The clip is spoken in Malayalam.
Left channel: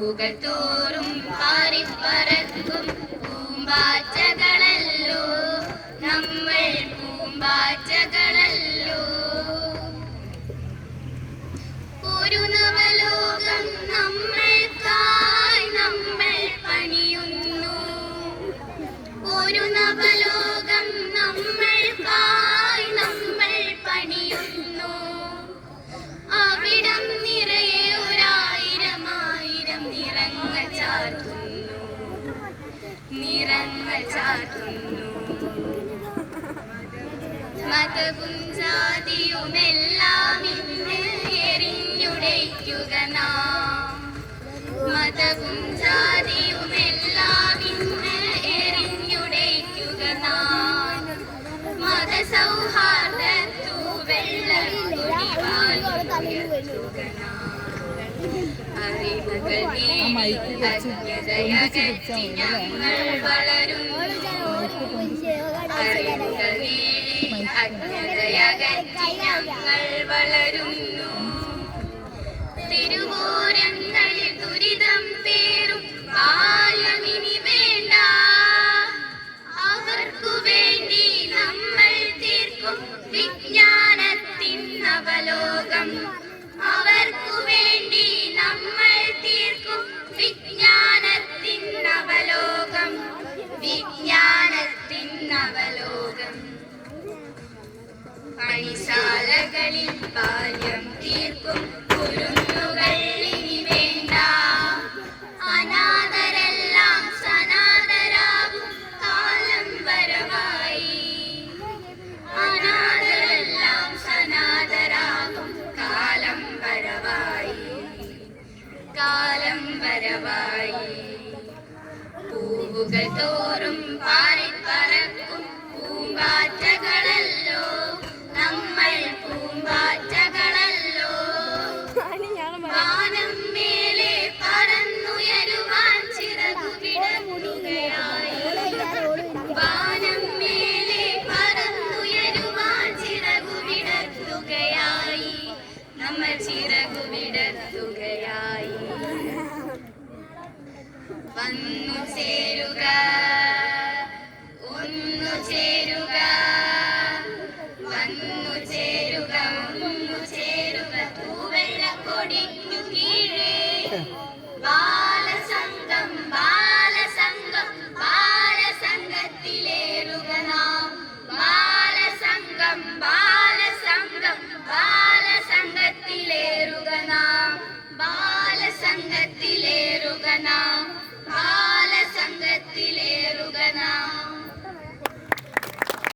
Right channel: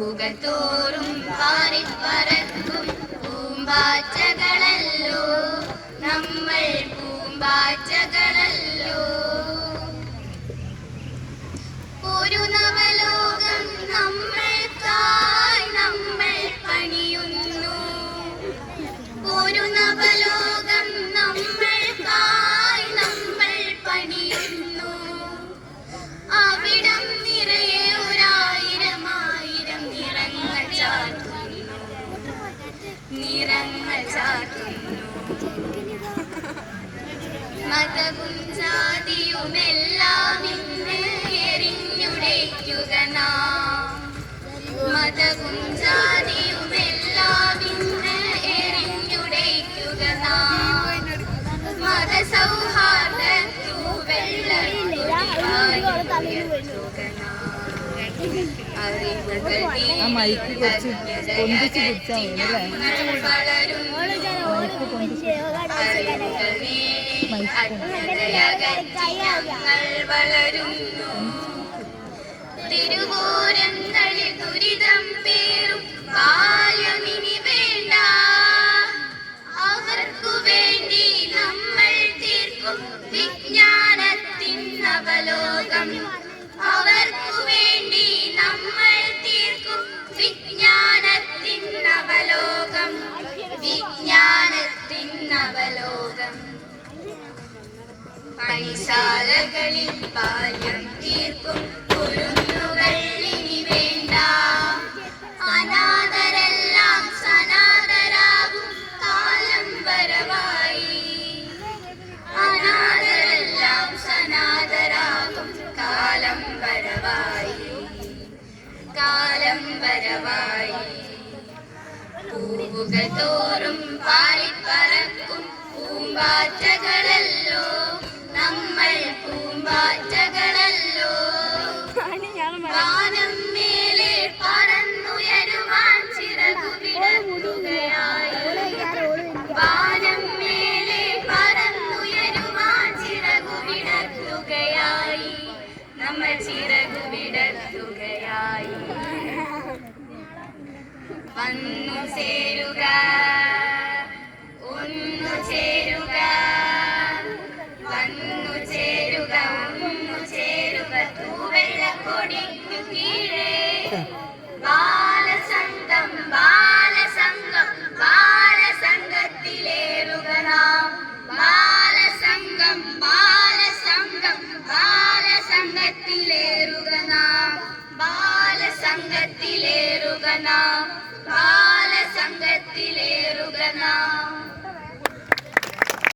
പൂവുകൾ തോറും പാറിപ്പറക്കും പൂമ്പാറ്റകളല്ലോ നമ്മൾ, പൂമ്പാറ്റകളല്ലോ. ഒരു നവലോകം നമ്മൾക്കായി നമ്മൾ പണിയുന്നു, ഒരു നവലോകം നമ്മൾക്കായി നമ്മൾ പണിയുന്നു. അവിടം നിറയെ ഒരായിരം ആയിരം നിറങ്ങൾ ചാർത്തുന്നു, നിറങ്ങൾ ചാർത്തുന്നു. മതവും ജാതിയുമെല്ലാം ഇന്ന് എറിഞ്ഞുടയ്ക്കുക നാം, മതവും ജാതിയുമെല്ലാം ഇന്ന് എറിഞ്ഞുടയ്ക്കുക നാം. മതസൗഹാർദ്ദ വളരുന്നു. തിരുവോരങ്ങളിൽ ദുരിതം പേറും ബാല്യമിനി വേണ്ട, അവർക്കു വേണ്ടി നമ്മൾ തീർക്കും വിജ്ഞാനത്തിൻ നവലോകം, അവർക്കു വേണ്ടി നമ്മൾ തീർക്കും വിജ്ഞാനത്തിൻ നവലോകം, വിജ്ഞാനത്തിൻ നവലോകം. പണിശാലകളിൽ ബാല്യം തീർക്കും കുരുന്നുകൾ ഇനി വേണ്ട, അനാഥരെല്ലാം സനാഥരാകും കാലം വരവായി, അനാഥരെല്ലാം സനാഥരാകും കാലം വരവായി, കാലം വരവായി. പൂവുകൾ തോറും പാറിപ്പറക്കും പൂമ്പാറ്റകളല്ലോ നമ്മൾ, പൂമ്പാറ്റകളല്ലോ. വാനം മേലെ പറന്നുയരുവാൻ ചിറകു വിടർത്തുകയായി, വാനം മേലെ പറന്നുയരുവാൻ ചിറകു വിടർത്തുകയായി, നമ്മൾ ചിറകു വിടർത്തുകയായി.